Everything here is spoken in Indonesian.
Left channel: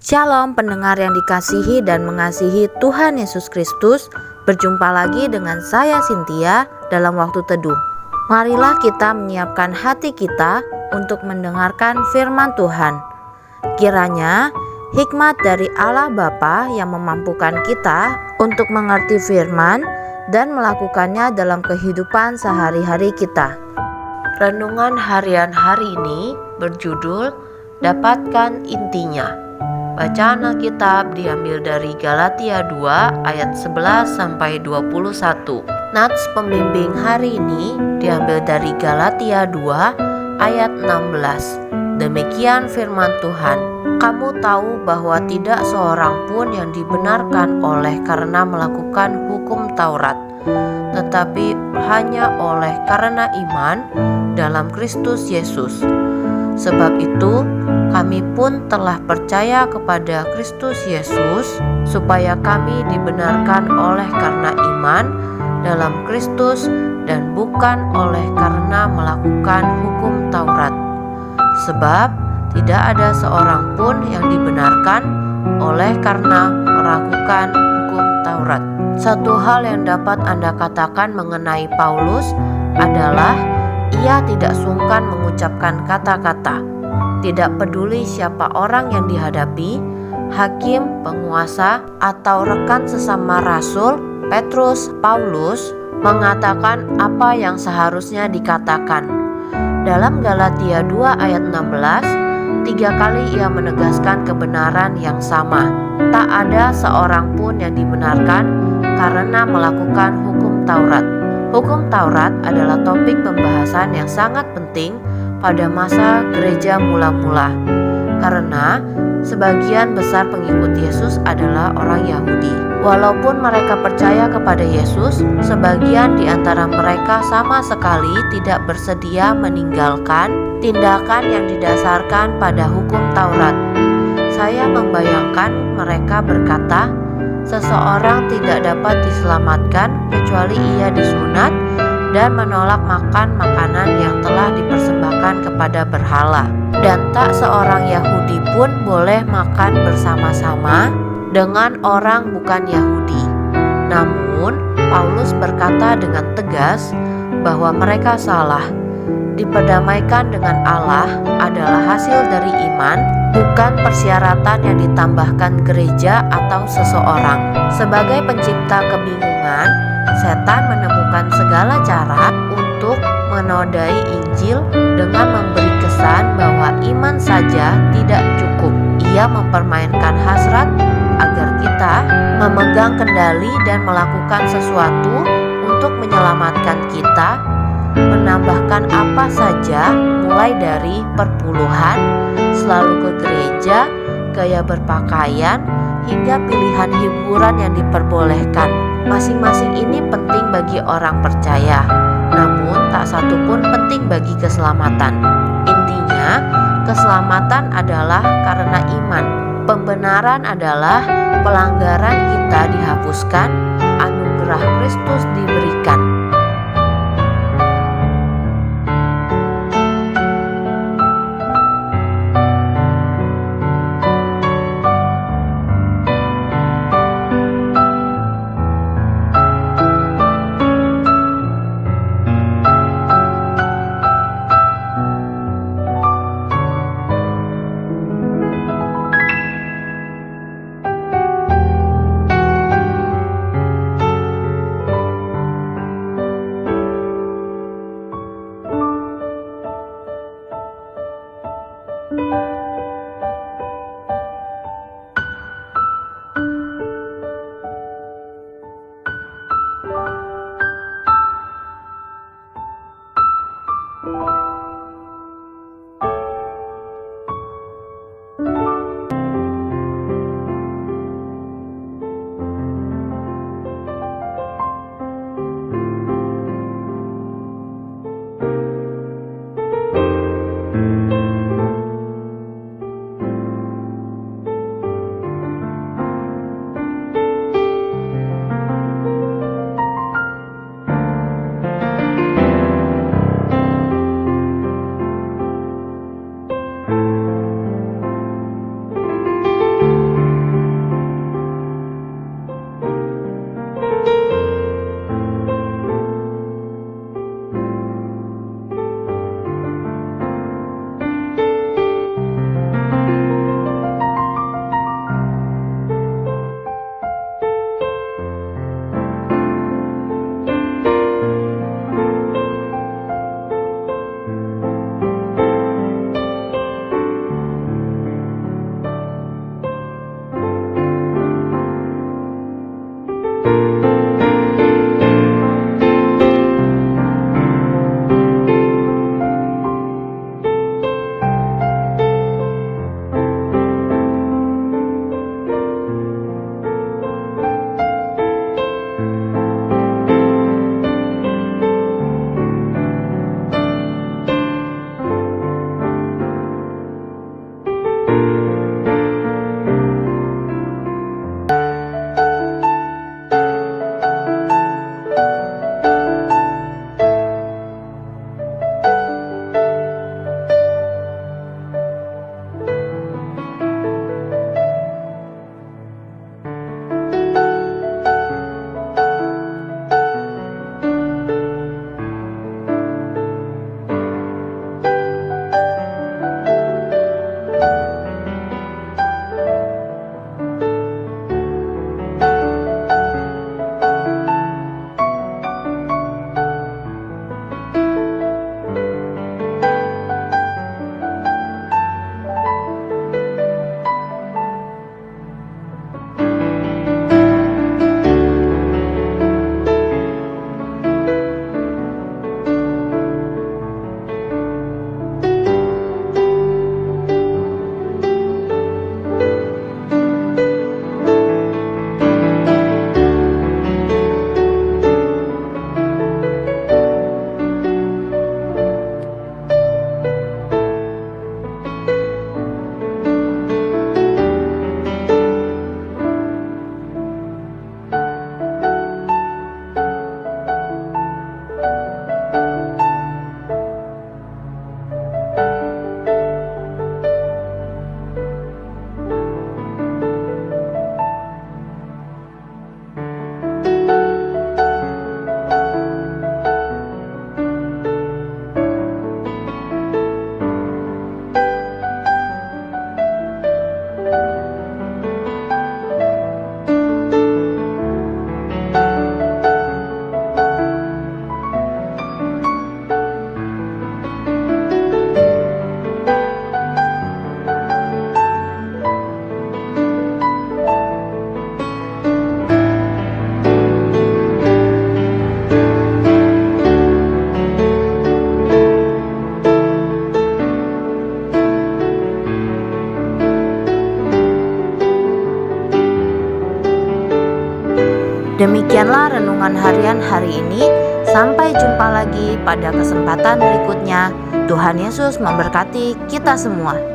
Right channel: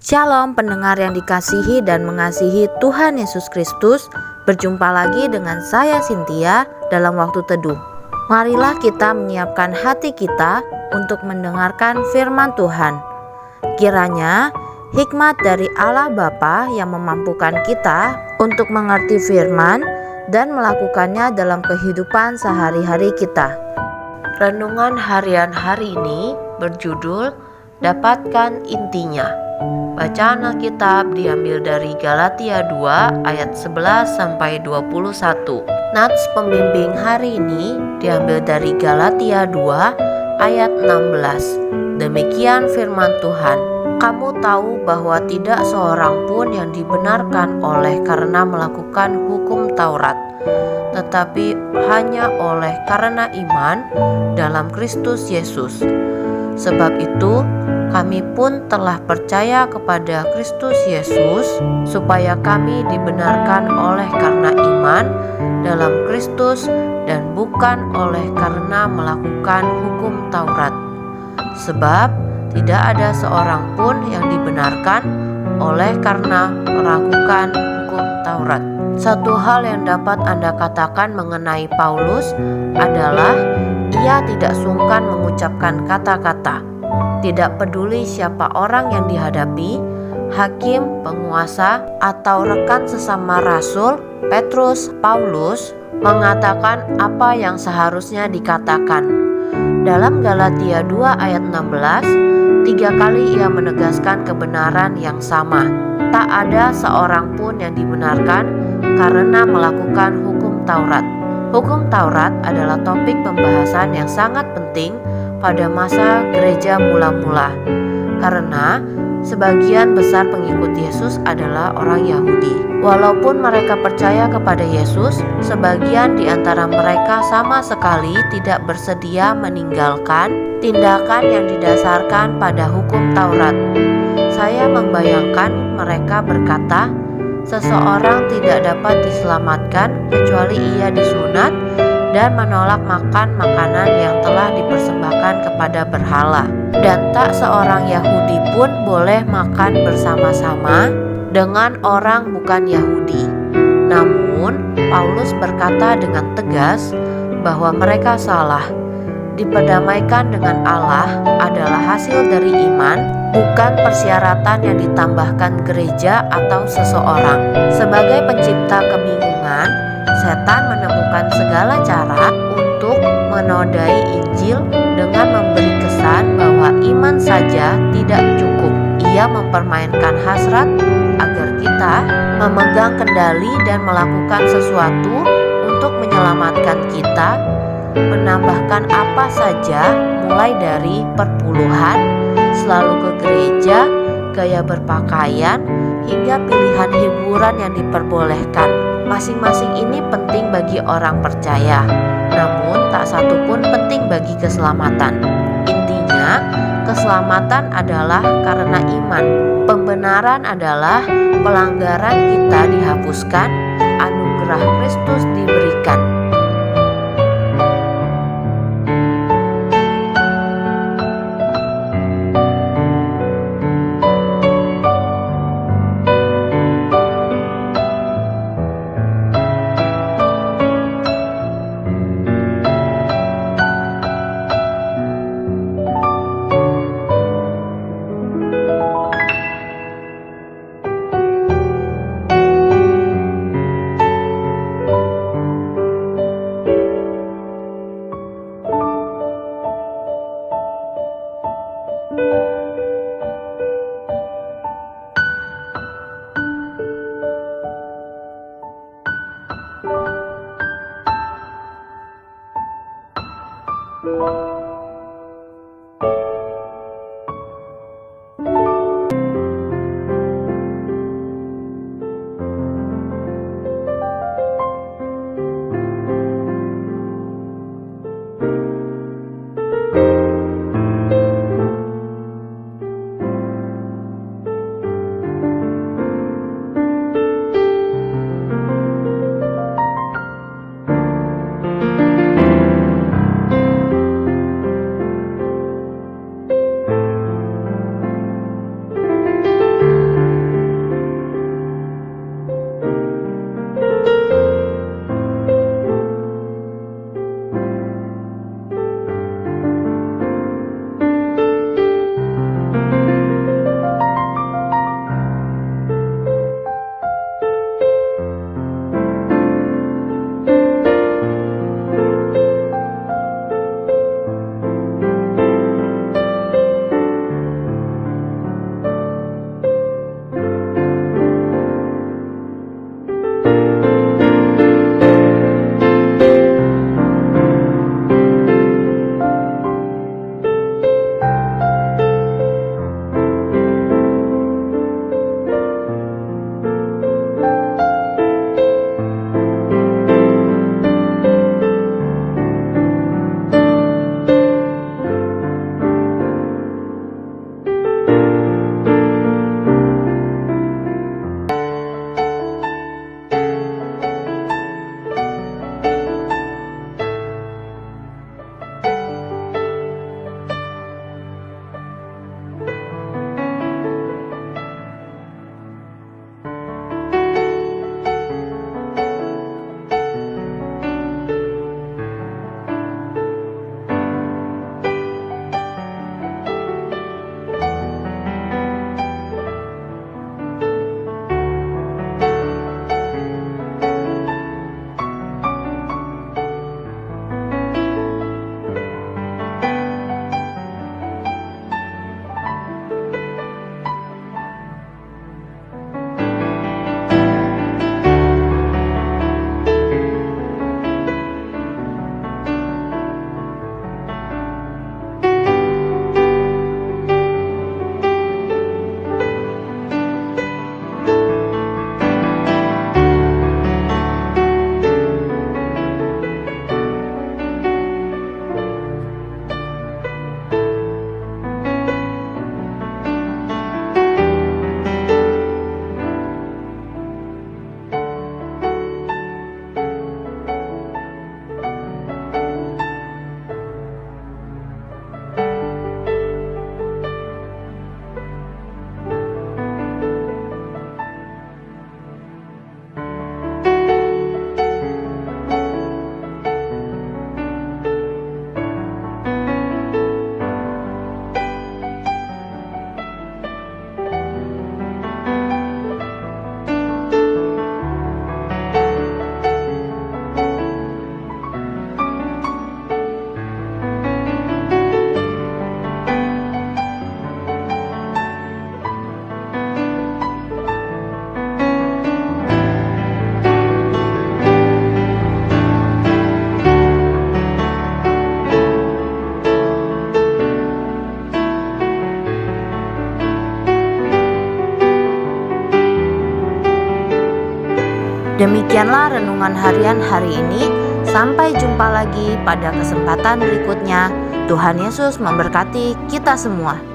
Shalom pendengar yang dikasihi dan mengasihi Tuhan Yesus Kristus. Berjumpa lagi dengan saya Cynthia dalam waktu teduh. Marilah kita menyiapkan hati kita untuk mendengarkan firman Tuhan. Kiranya hikmat dari Allah Bapa yang memampukan kita untuk mengerti firman dan melakukannya dalam kehidupan sehari-hari kita. Renungan harian hari ini berjudul Dapatkan Intinya. Bacaan Alkitab diambil dari Galatia 2 ayat 11 sampai 21. Nats pembimbing hari ini diambil dari Galatia 2 ayat 16. Demikian firman Tuhan. Kamu tahu bahwa tidak seorang pun yang dibenarkan oleh karena melakukan hukum Taurat, tetapi hanya oleh karena iman dalam Kristus Yesus. Sebab itu, kami pun telah percaya kepada Kristus Yesus, supaya kami dibenarkan oleh karena iman dalam Kristus dan bukan oleh karena melakukan hukum Taurat. Sebab tidak ada seorang pun yang dibenarkan oleh karena melakukan hukum Taurat. Satu hal yang dapat Anda katakan mengenai Paulus adalah ia tidak sungkan mengucapkan kata-kata. Tidak peduli siapa orang yang dihadapi, hakim, penguasa, atau rekan sesama rasul, Petrus, Paulus mengatakan apa yang seharusnya dikatakan. Dalam Galatia 2 ayat 16, 3 kali ia menegaskan kebenaran yang sama. Tak ada seorang pun yang dibenarkan karena melakukan hukum Taurat. Hukum Taurat adalah topik pembahasan yang sangat penting pada masa gereja mula-mula, karena sebagian besar pengikut Yesus adalah orang Yahudi. Walaupun mereka percaya kepada Yesus, sebagian di antara mereka sama sekali tidak bersedia meninggalkan tindakan yang didasarkan pada hukum Taurat. Saya membayangkan mereka berkata, seseorang tidak dapat diselamatkan kecuali ia disunat dan menolak makan makanan yang telah dipersembahkan kepada berhala. Dan tak seorang Yahudi pun boleh makan bersama-sama dengan orang bukan Yahudi. Namun, Paulus berkata dengan tegas bahwa mereka salah. Diperdamaikan dengan Allah adalah hasil dari iman, bukan persyaratan yang ditambahkan gereja atau seseorang. Sebagai pencipta kebingungan, setan menemukan segala cara untuk menodai Injil dengan memberi kesan bahwa iman saja tidak cukup. Ia mempermainkan hasrat agar kita memegang kendali dan melakukan sesuatu untuk menyelamatkan kita, menambahkan apa saja mulai dari perpuluhan, selalu ke gereja, gaya berpakaian, hingga pilihan hiburan yang diperbolehkan. Masing-masing ini penting bagi orang percaya, namun tak satu pun penting bagi keselamatan. Intinya, keselamatan adalah karena iman. Pembenaran adalah pelanggaran kita dihapuskan, anugerah Kristus diberikan. Demikianlah renungan harian hari ini. Sampai jumpa lagi pada kesempatan berikutnya. Tuhan Yesus memberkati kita semua.